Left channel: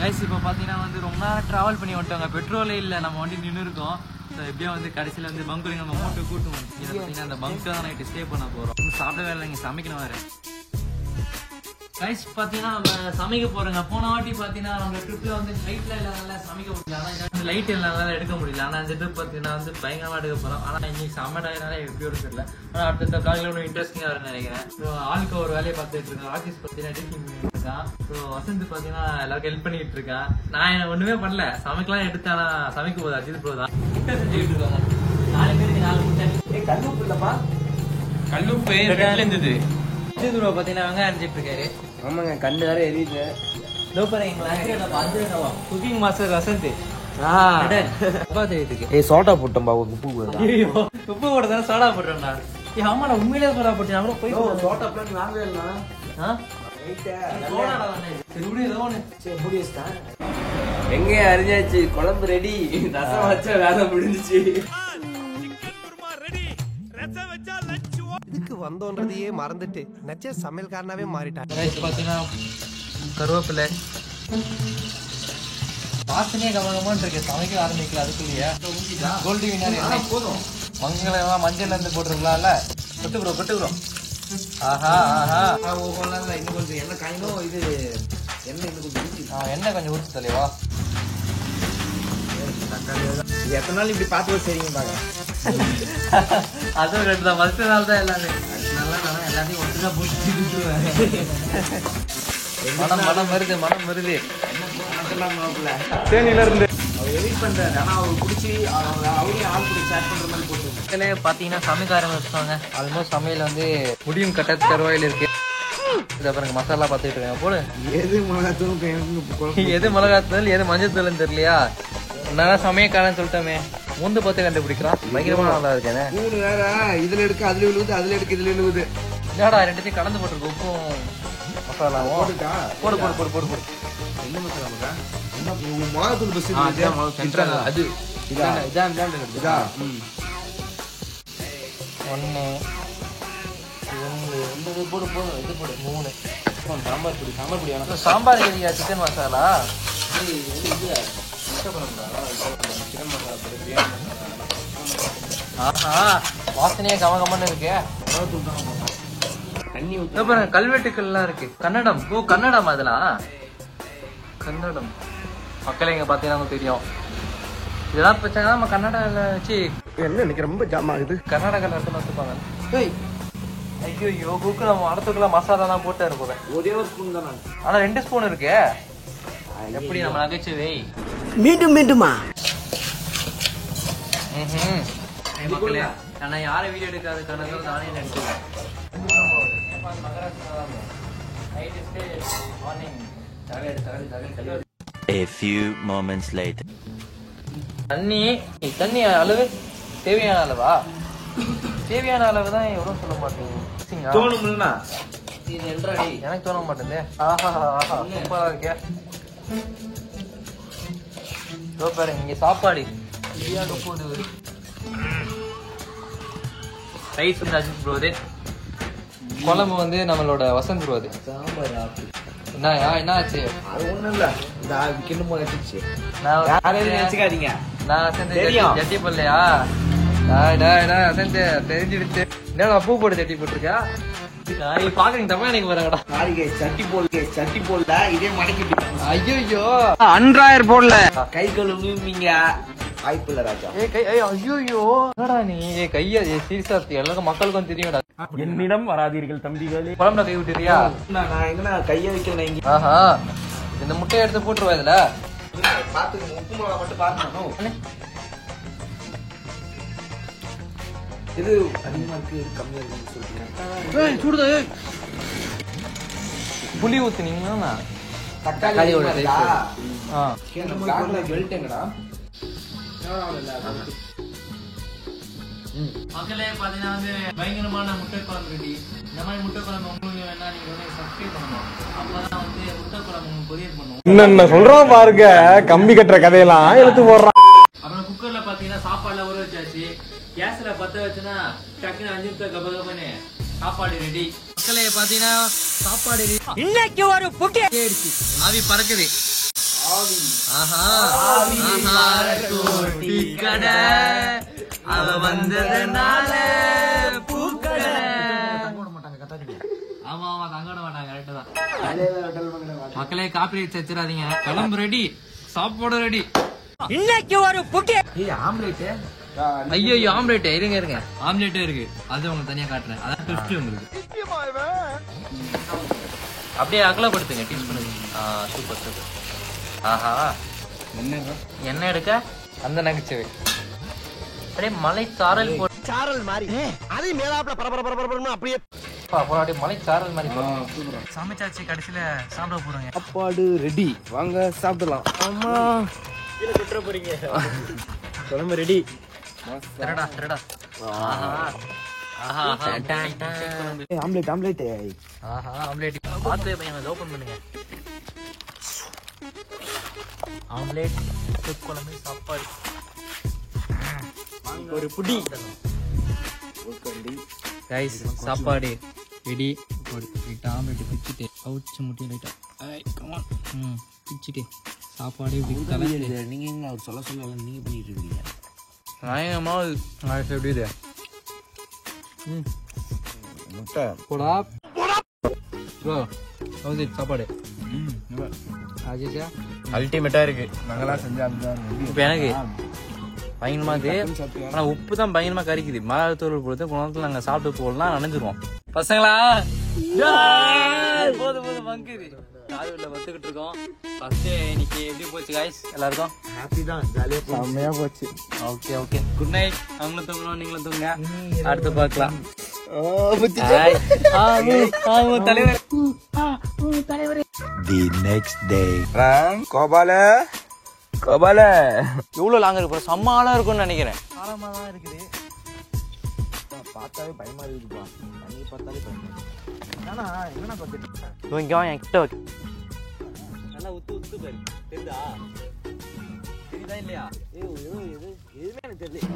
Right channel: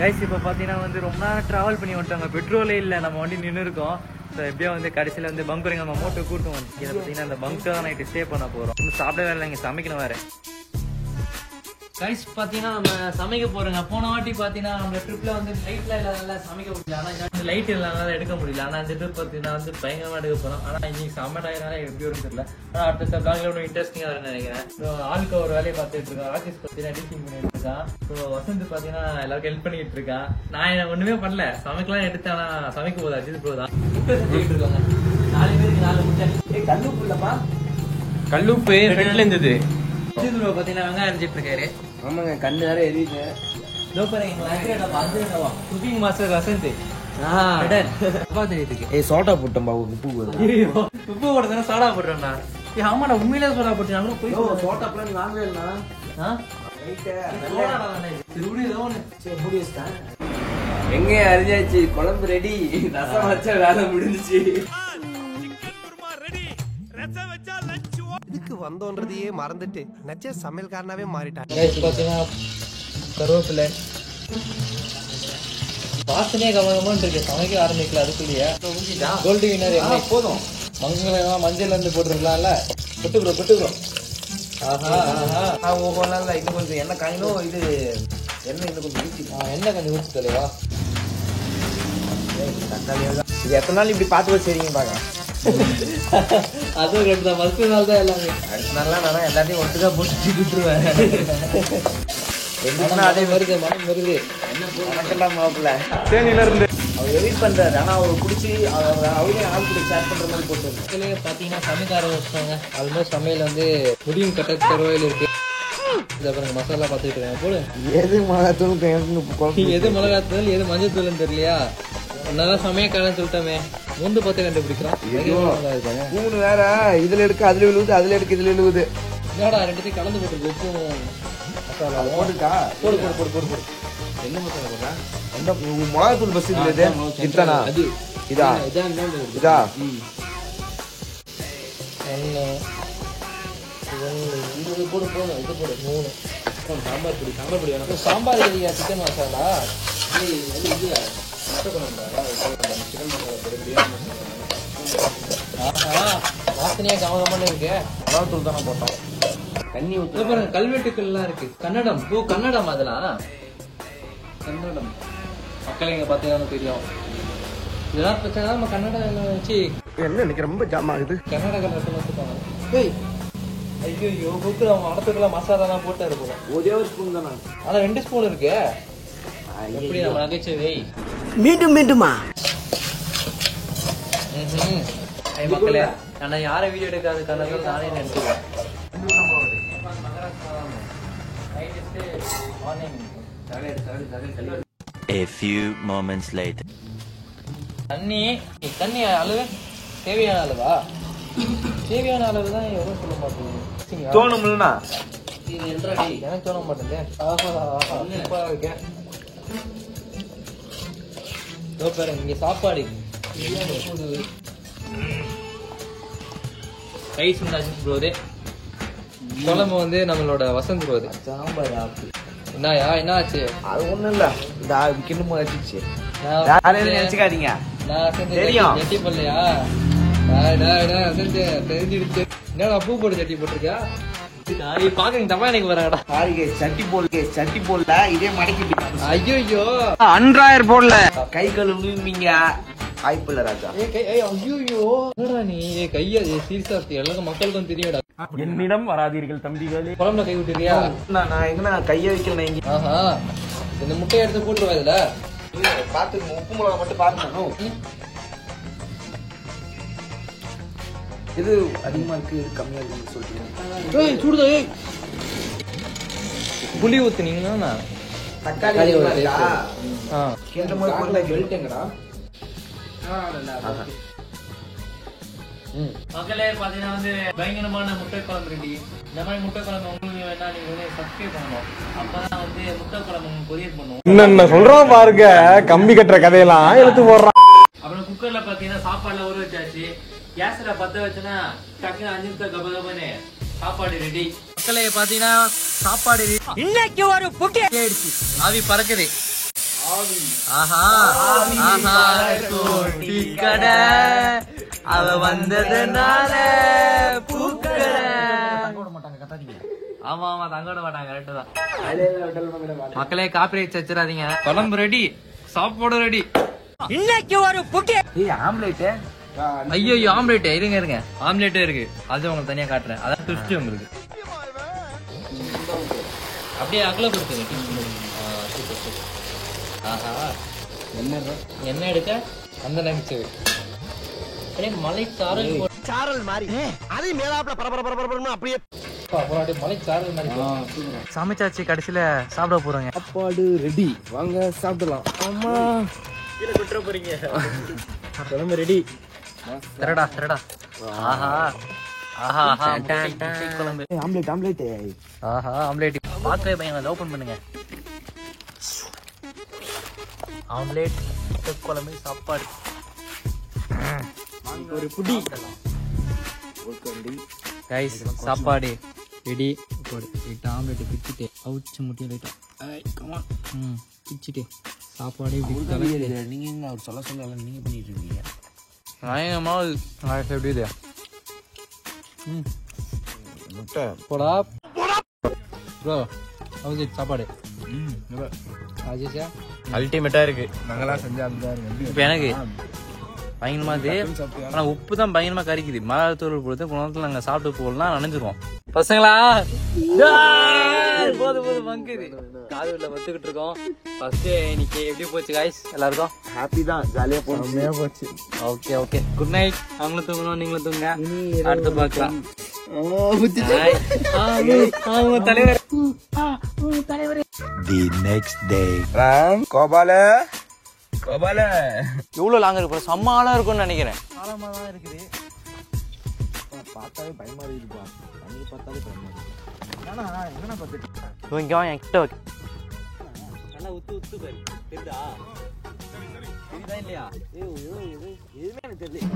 Guys இப்போ பார்த்தீங்கன்னா வந்து ரொம்ப நேரம் ட்ராவல் பண்ணி வந்துட்டாங்க. பெட்ரோலே இல்லை, நம்ம வண்டி நின்று இருக்கோம். ஸோ எப்படியோ வந்து கடைசியில் வந்து பங்க் நம்ம மோட்டோ கூட்டு வந்து இதை பார்த்தீங்கன்னா அந்த பங்க் தான் நைட்டு ஸ்டே பண்ண போகிறோம். இன்னும் சாப்பிட வேலை இங்கே சமைக்கணும் வேறு. கைஸ் பார்த்தீங்கன்னா நம்ம சமைக்க போறோங்க. போன வாட்டி பார்த்தீங்கன்னா நம்ம ட்ரிப்ல வந்து லைட்லாம் இல்லாதனால சமைக்க முடியல. ஆனால் இந்த லைட் இல்லாதனால எடுக்க முடியல. ஆனால் இந்த ட்ரிப் பார்த்தீங்கன்னா வந்து பயங்கரமாக எடுக்க போகிறோம். ஆனால் இன்னைக்கு செம்ம டயர்னால எப்படி வரும்னு தெரியல. ஆனால் அடுத்த பிளாக்ல ஒன்றும் இன்ட்ரெஸ்டிங்காக இருக்குன்னு நினைக்கிறேன். ஆளுக்கு ஒரு வேலையை பார்த்துட்டு இருக்கேன். ஆர்டிஸ்ட் பார்த்தீங்கன்னா எடிட்டிங் பண்ணிட்டு இருக்கான். ஸோ வசந்த் பார்த்தீங்கன்னா எல்லாருக்கும் ஹெல்ப் பண்ணிட்டு இருக்கான். நான் ஒன்றுமே பண்ணல, சமைக்கலாம் எடுத்தேன். சமைக்க போகுது அஜித் போகுதான் செஞ்சுட்டு இருக்காங்க. 4 பேருக்கு 4 முட்டை. கல்லுப்பு இல்லப்பா, கல்லுப்பு ஃப்ரெண்ட்ல இருந்தது. பாத்தீங்கன்னா வெங்காயம் அடிச்சிட்டு இருக்காரு. ஆமாங்க, கண்ணு வேற எரியுது. Cooking master Vasanth. சோடா போட்டோம்பா, உப்பு உப்பு போட்டதான சோடா போட்டோம்னா. ஆமாடா, உண்மையிலே சோடா போட்டேன். போய் சோடா பிளான் வாங்கலாம். எங்க அறிஞ்சாச்சு, குழம்பு ரெடி, ரசம் வச்சா வேலை முடிஞ்சிச்சு. இதுக்கு வந்தோன்றதையே மறந்துட்டு நச்ச சமையல்காரனாவே மாறிட்டாங்க. பாத்தீங்கன்னா கருவேப்பிலை வாசனையே கவனமான்னு இருக்கு. சமைக்க ஆரம்பிக்கல அதுக்குள்ளேயே. கோல்டு வினர் என்ன போதும், மஞ்சள் இருந்து போட்டுருக்கலாம்ல. விட்டுக்கிறோம். ஆஹா ஆஹா, இது கொஞ்சம் என்ன காயும், இது என்ன கொஞ்சம் ஊற்றி தலைவா. இது எத்தனை நாள் இப்படி பார்த்து வச்சிருக்கீங்க பாருங்க. அதுவும் 2 மறுத்த நாள் தான் எல்லாமே. நல்லா நானும் எல்லாத்தையும் ஒட்டுக்கா போட்டு கொடுத்துருவேன். மனம் வருது. தேனில இருந்து எடிட் பண்றாரு. ஆனா அவர் குடிச்சு அவரே ஆள் கூட சேட் பண்ற மாதிரி போட்டு பாத்தீங்கன்னா சமைக்க ஆரம்பிச்சாங்க. ஆல்மோஸ்ட் சமையல் வந்து முடியும் கட்ட தருவாயில் இருக்கு. அப்புறம் மசாலா பாத்துட்டு இருக்கேன். போடு, எது மிளகாத்தூள், எது மிளகாத்தூள், எது மஞ்சள் தூள் தெரியலையா. நான் சமயக்காரன் சொல்லிட்டோமே, முந்து பார்த்து கண்டுபிடிக்கிறான். பயங்கரமா நல்லா இருக்கானே. இது வேற, இதுல எடுக்க அதுல விழுவுது, அதுல எடுக்க இதுல விழுவுது. என்னடா ரெண்டுத்தையும் கலந்து போட்டு உப்பும் மசாலாவும் போடு. என்ன மசாலா போடுறா? மிளகாத்தூள் பஸ் அது இதான் இதா. 1 போடு, இது போடு 3. சாம்பார் பொடி வேணும். சாம்பார் இல்லையா, சிக்கன் மசாலா. வாசனையா கமகமன்னு இருக்கு. கல்வெட்டுக்கள் எல்லாம் இருக்கு. கன்னடம். கன்னடம். அதெல்லாம் கன்னடம். மக்கள் எங்க பாத்தீங்கன்னா தெரியும். இதெல்லாம் பிரச்சனை நம்ம கன்னடால வச்சு என்ன எனக்கு ரொம்ப ஜாம் ஆகுது. கர்நாடகால வச்சுப்பாங்க. ஐயோ, புக்கு நம்ம அடுத்துக்குலாம் மசாலா தான் போட்டாரு போல. ஒரே ஒரு ஸ்பூன் தானே, ஆனா 2 ஸ்பூன் இருக்கு. எப்படி நம்ம நகைச்சுவை மீண்டுமா மக்களே, நான் யாரை வீடியோ எடுக்காது கணக்கு நானே நினைச்சுக்கிறேன். A few moments later. தண்ணி அளவு தேவையான அளவா? தேவையான அளவு தான் எவ்வளவு சொல்ல மாட்டேங்குது. தோணும்னா எனக்கு தோண மாட்டேங்குது. ஆஹா சூப்பரா இருக்கே. பாருங்க, இங்க சாப்பாடு போது ரைஸ் வந்து அஜித் ப்ரோது, குழம்பு வந்து நம்மளோட வசந்த் ப்ரோது. என்னயா என்ன ஆச்சு? அது ஒண்ணும் இல்ல, கிண்டு போச்சு. நான் வசந்த் ஜட்டி போடலையா? வசந்த் தெரிஞ்சிடுச்சு. என்ன பூ போட்டு ஜட்டி போட்டிருக்கா? பாக்குறீங்க தப்பா எனக்கு வராங்க. சட்டி போடல, இதே மடக்கி. ஐயோ, அன்றாயர் போடல, கை கழுவுவீங்க. வாய்ப்பு இல்ல ராஜா. ஐயோ, என்னடா நீ கையா சீரியஸா எல்லாருக்கும் மக்களுக்கும் தெரியும்டா. என்னிடம் வராதீர்கள் தம்பிகளே. குழம்புல கை விட்டுறியா? நான் எங்க கைய வைக்கிறேன். ஆஹா, இந்த முட்டையை எடுத்து போட்டுருவா இதுல. பாத்துக்கோ, உப்பு மிளகா மட்டும் பாத்துக்கோ. இது அதிகமா இருக்கு, கம்மியா இருக்குன்னு சொல்றேன். சுடுதா. புளி ஊத்துனீங்கன்னா தக்காளி பெல்ட் எங்கடா? மக்களே பாத்தீங்கன்னா வந்து பயங்கரமான முட்டை குழம்பு ரெடி. இந்த மாதிரி முட்டை குழம்பு உங்களுக்கு வேணா நீங்க வந்து சப்ஸ்கிரைப் பண்ணணும். அப்பதான் வந்து முட்டை குழம்பு கொரியர் பண்ணுவோம். என்ன சொல்றோம் பாருங்க, கம்பி கட்டுற கதையெல்லாம் எடுத்து போடுறான். அப்புறம் குக்கர்ல பாத்தீங்கன்னா சாப்பாடுல ஊற வச்சாச்சு. கேஸ்ல பத்த வச்சுன்னா டக்குன்னு 5 நிமிஷம் கபகபன்னு சாப்பாடு ரெடி. மக்களே பாத்தீங்கன்னா சாப்பாடு இன்னைக்கு ஒரு புட்டி ஆவி பறக்குது. ஆஹா ஆஹா டீ கடை அவ வந்ததுனால பூக்கடை. ஆமா ஆமா தங்க விட மாட்டாங்க. கரெக்ட் தான் மக்களே. காப்பிரைட் வச்சிடாதீங்க. குழம்பு ரெடி, சாப்பாடு ரெடி. இன்னைக்கு ஒரு புட்டி ஆம்லேட். ஐயோ ஆம்லேட் இருங்க இருங்க. ஆம்லேட்டே இருக்கு, அது உங்களுக்கு தனியா காட்டுறேன். அதான் 50 உங்களுக்கு. அப்படியே அகலப்படுத்துங்க டீஸ்பூன். Super super. ஆஹா என்ன எடுக்க அந்த நகைச்சுவை. அப்படியே மலை சாரல் சாரல் மாதிரி அது மேலாப்ல பரபரன்னு அப்படியே அப்படியே மலை சாரல் மாதிரி சமைச்சாச்சு. கடைசியில சாப்பிட போறோங்க. சாப்பாடு ரெடி, வாங்க சாப்பிடலாம். ஆமா குழம்பு ரெடி. திரடா திரடா. ஆஹா ஆஹா ஆம்லேட் ஆம்லேட். ஆஹா ஆம்லேட். பாத்திரே பையன் அதை ஓபன் பண்ணுங்க. ஆம்லேட் குழம்பு சாப்பாடு ஒரு புடி. கைஸ் சாப்பாடு ரெடி. லைட்டா ஆம்லேட் பிச்சுட்டு அவுச்சு முட்டி லைட்டா பிச்சுட்டு சாப்பாடு நீங்க என்ன அவர் சொல்ல சொல்ல நீங்க பண்ணிட்டு இருக்கீங்க. எப்படி இது முட்டை போடா ப்ரோ. ஹவுஸ் இட் சாப்பாடு அல்டிமேட்டா இருக்கு. நாங்களாம் செஞ்சா அப்படிதான். இப்ப எனக்கு பயங்கரமா இருக்கு. ஆனா உப்பு தான் பயங்கரமா கறிக்குது. மிளகாத்தூள் பொறுத்து குணத்துல நாங்க சாப்பிட்டு போகலாம் நினைஞ்சிருவோம். பசங்களா போதும் போதும் மங்குது. காதூர்ல வந்துகிட்டு இருக்கோம். ஃபர்ஸ்ட் இன்னைக்கு எப்படி போச்சு காய்ஸ் எல்லாருக்கும்? ஹாப்பி தான், ஜாலியா போச்சு. Okay okay good night. அவங்களும் தூங்கணும், நீங்களும் தூங்க. அடுத்து பார்க்கலாம். தலைவர். The next day. கோபால எவ்வளவு லாங் இருக்கு? செம்ம ஆழம் இருக்கும்னு நினைக்கிறேன். ஆழமா தான் இருக்குது. பார்த்தாலே பயமா இருக்குப்பா. தண்ணி பார்த்தாலே பயமா இருக்கு. ஆனா என்ன பார்த்துட்டு இங்க வா என்கிட்ட வா. நல்லா உத்து உத்து பாரு. தெரியுதா தெரியுதா இல்லையா? எதுவுமே எனக்கு தெரியல.